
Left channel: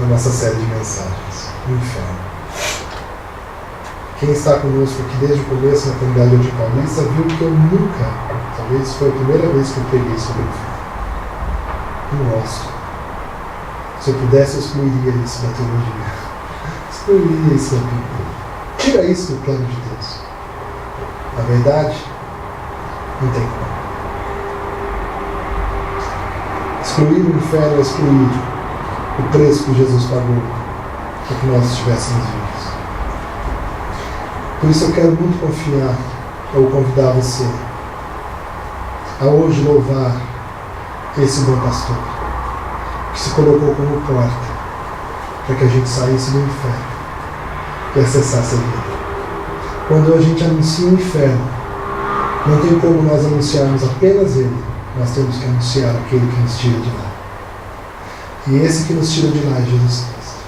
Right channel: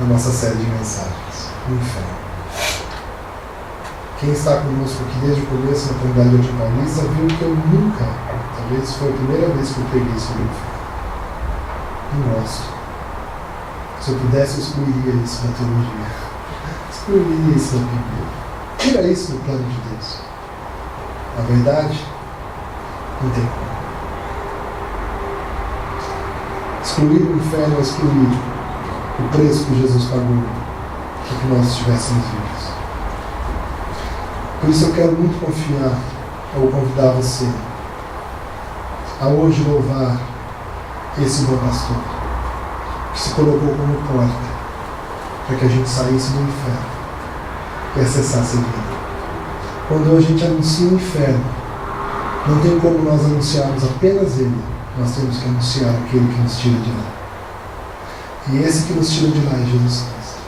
na nossa série de mensagens, o inferno. Quem está conosco aqui desde o começo na comunidade de Paulista viu que eu nunca, talvez foi a primeira vez que eu preguei sobre o inferno. Não gosto. Se eu pudesse, eu excluiria isso da teologia. Excluiria isso da Bíblia. Tira isso do plano de Deus. Na verdade, não tem como. Excluir o inferno é excluir o preço que Jesus pagou para que nós estivéssemos vivos. Por isso eu quero muito confiar, ou convidar você a hoje louvar esse bom pastor, que se colocou como porta para que a gente saísse do inferno e acessasse a vida. Quando a gente anuncia o inferno, não tem como nós anunciarmos apenas ele, nós temos que anunciar aquele que nos tira de lá. E esse que nos tira de lá é Jesus Cristo.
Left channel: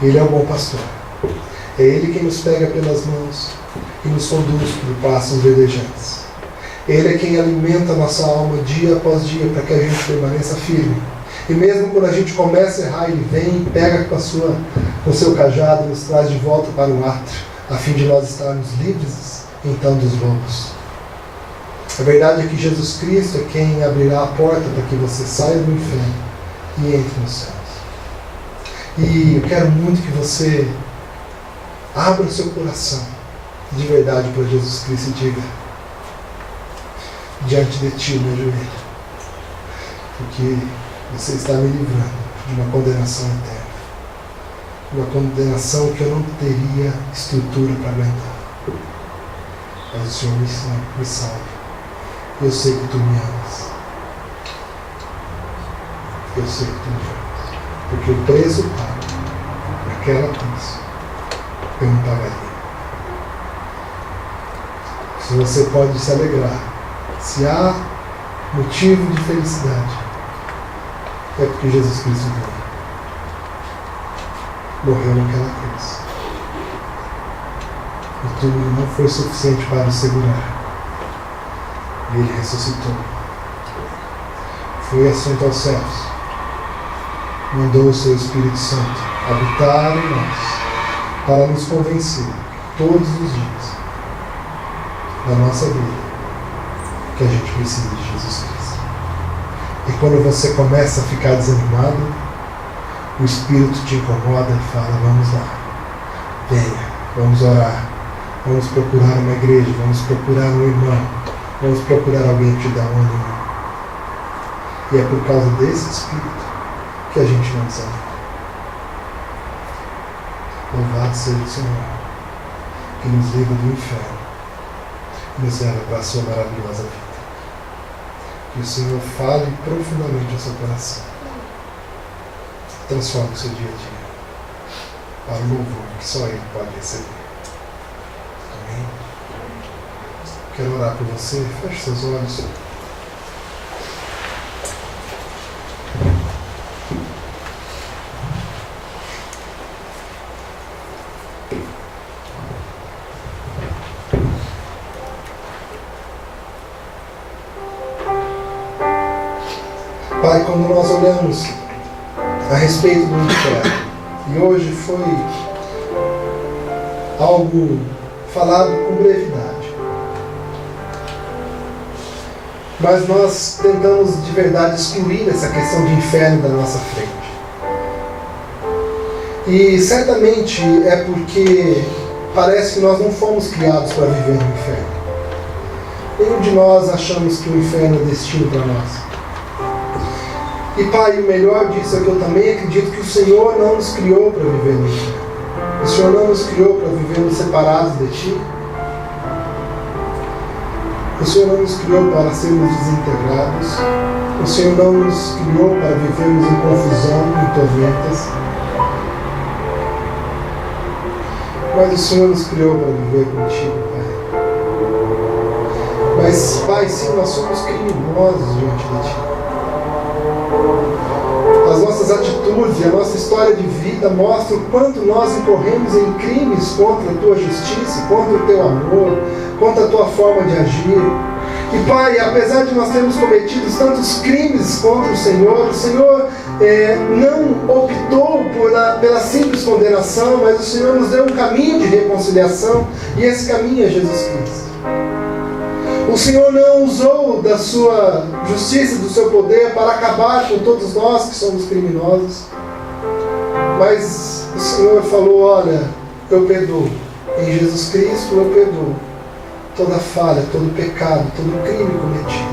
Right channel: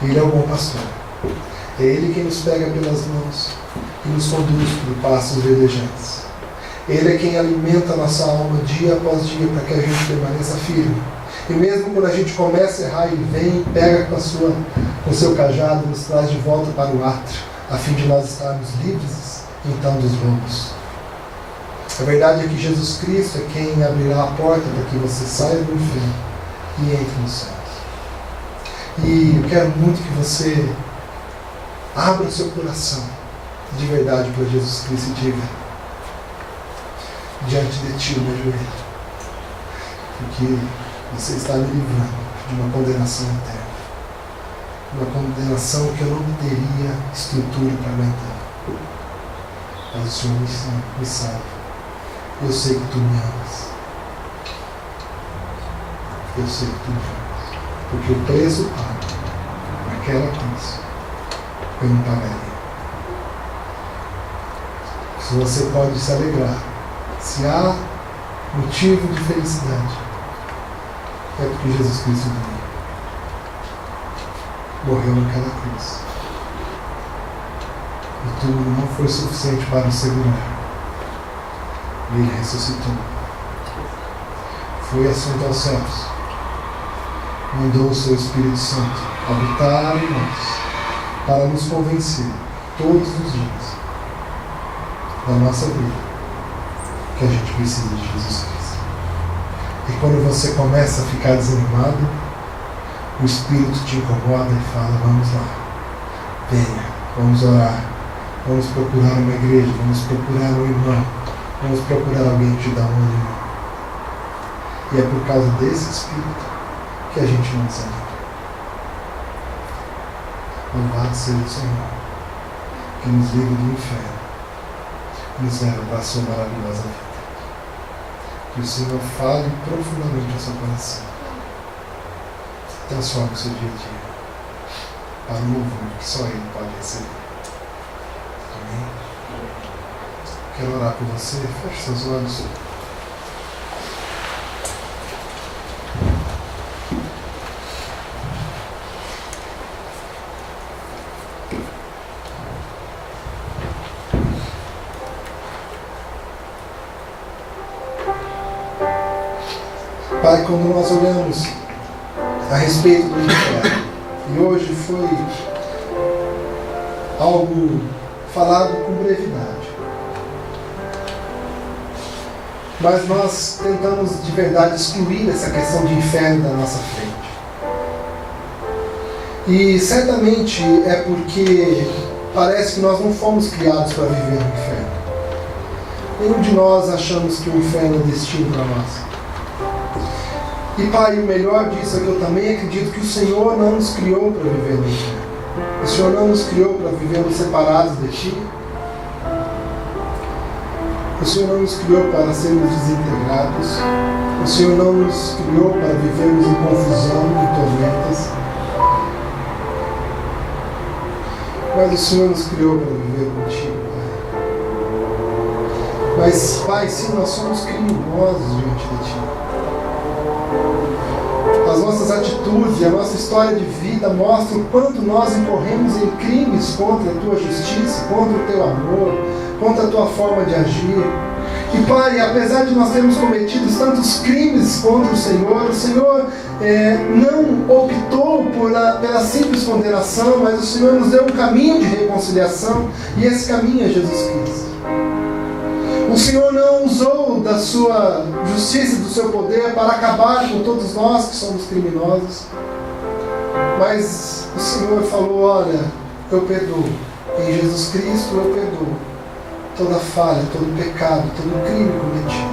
Ele é o bom pastor. É Ele quem nos pega pelas mãos e nos conduz por passos verdejantes. Ele é quem alimenta a nossa alma dia após dia para que a gente permaneça firme. E mesmo quando a gente começa a errar, Ele vem e pega com o seu cajado e nos traz de volta para o átrio, a fim de nós estarmos livres então dos lobos. A verdade é que Jesus Cristo é quem abrirá a porta para que você saia do inferno e entre nos céus. E eu quero muito que você abra o seu coração de verdade para Jesus Cristo e diga: diante de ti, meu joelho, porque você está me livrando de uma condenação eterna, uma condenação que eu não teria estrutura para aguentar. Mas o Senhor me salva. Eu sei que tu me amas. Eu sei que tu me amas. Porque o preço pago naquela cruz eu não pagaria. Se você pode se alegrar, se há motivo de felicidade, é porque Jesus Cristo morreu naquela cruz. E tudo não foi suficiente para o segurar. E Ele ressuscitou. Foi assunto aos céus. Mandou o seu Espírito Santo habitar em nós, para nos convencer todos os dias da nossa vida que a gente precisa de Jesus Cristo. E quando você começa a ficar desanimado, o Espírito te incomoda e fala: vamos lá, venha, vamos orar, vamos procurar uma igreja, vamos procurar um irmão, vamos procurar alguém que te dá um ânimo. E é por causa desse Espírito que a gente não desanima. Louvado seja o Senhor, que nos livra do inferno e nos leva para a sua maravilhosa vida. Que o Senhor fale profundamente ao seu coração. Transforme o seu dia a dia para o louvor que só Ele pode receber. Amém? Quero orar por você. Feche seus olhos. Pai, quando nós olhamos a respeito do inferno, e hoje foi algo falado com brevidade. Mas nós tentamos de verdade excluir essa questão de inferno da nossa frente. E certamente é porque parece que nós não fomos criados para viver no inferno. Nenhum de nós achamos que o inferno é destino para nós. E Pai, o melhor disso é que eu também acredito que o Senhor não nos criou para viver no inferno. O Senhor não nos criou para vivermos separados de Ti. O Senhor não nos criou para sermos desintegrados. O Senhor não nos criou para vivermos em confusão, em tormentas. Mas o Senhor nos criou para viver contigo, Pai. Mas, Pai, sim, nós somos criminosos diante de Ti. As nossas atitudes e a nossa história de vida mostram o quanto nós incorremos em crimes contra a Tua justiça, contra o Teu amor, contra a Tua forma de agir. E Pai, apesar de nós termos cometido tantos crimes contra o Senhor não optou pela simples condenação, mas o Senhor nos deu um caminho de reconciliação, e esse caminho é Jesus Cristo. O Senhor não usou da sua justiça e do seu poder para acabar com todos nós que somos criminosos, mas o Senhor falou: olha, eu perdoo, em Jesus Cristo eu perdoo toda falha, todo pecado, todo crime cometido,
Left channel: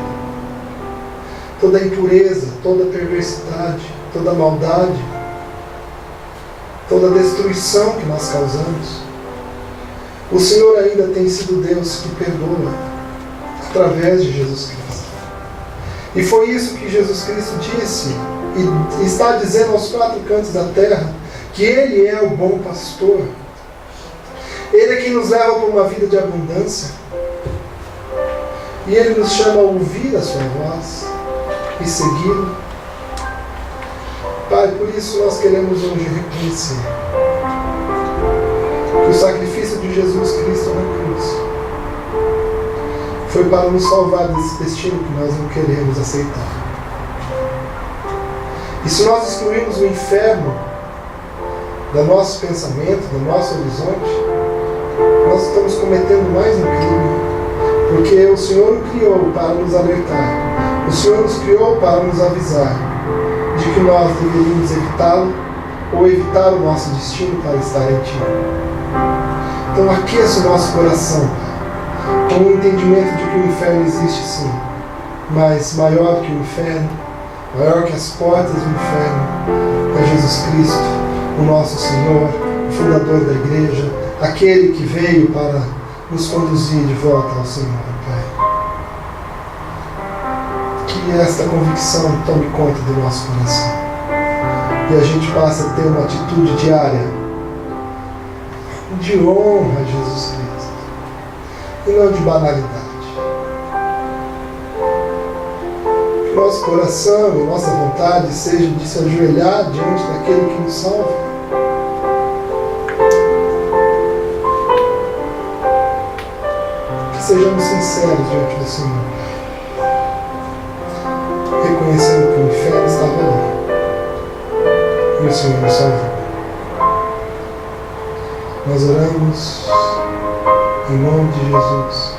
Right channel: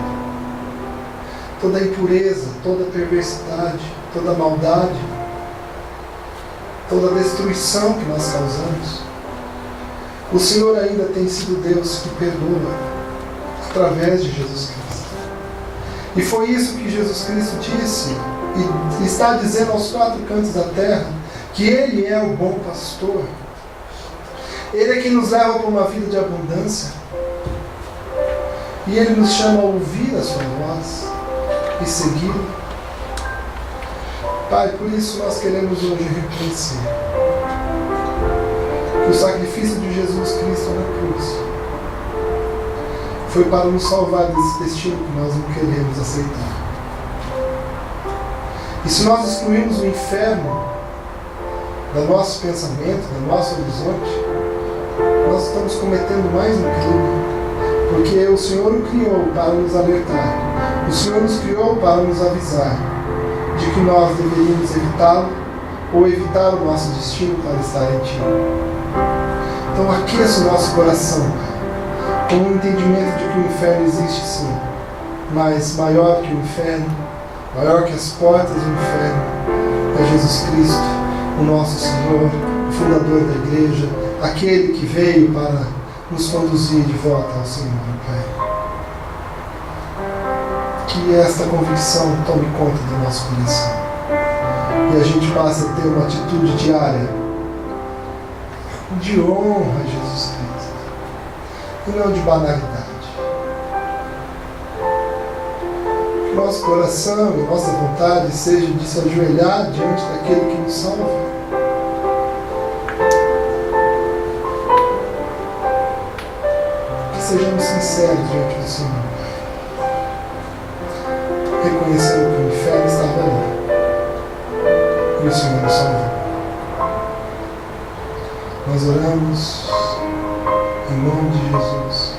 toda impureza, toda perversidade, toda maldade, toda destruição que nós causamos. O Senhor ainda tem sido Deus que perdoa através de Jesus Cristo. E foi isso que Jesus Cristo disse e está dizendo aos quatro cantos da terra, que Ele é o bom pastor. Ele é quem nos leva para uma vida de abundância. E Ele nos chama a ouvir a sua voz e segui-lo. Pai, por isso nós queremos hoje reconhecer que o sacrifício de Jesus Cristo na cruz foi para nos salvar desse destino que nós não queremos aceitar. E se nós excluirmos o inferno do nosso pensamento, do nosso horizonte, nós estamos cometendo mais um crime. Porque o Senhor o criou para nos alertar. O Senhor nos criou para nos avisar de que nós deveríamos evitá-lo ou evitar o nosso destino para estar em Ti. Então aqueça o nosso coração com o entendimento de que o inferno existe sim, mas maior que o inferno, maior que as portas do inferno, é Jesus Cristo, o nosso Senhor, o fundador da igreja, aquele que veio para nos conduzir de volta ao Senhor, Pai. Que esta convicção tome conta do nosso coração e a gente passe a ter uma atitude diária de honra a Jesus Cristo e não de banalidade. Que nosso coração e nossa vontade seja de se ajoelhar diante daquele que nos salva. Sejamos sinceros diante do Senhor, reconhecendo que o inferno estava ali e o Senhor nos salvou. Nós oramos em nome de Jesus.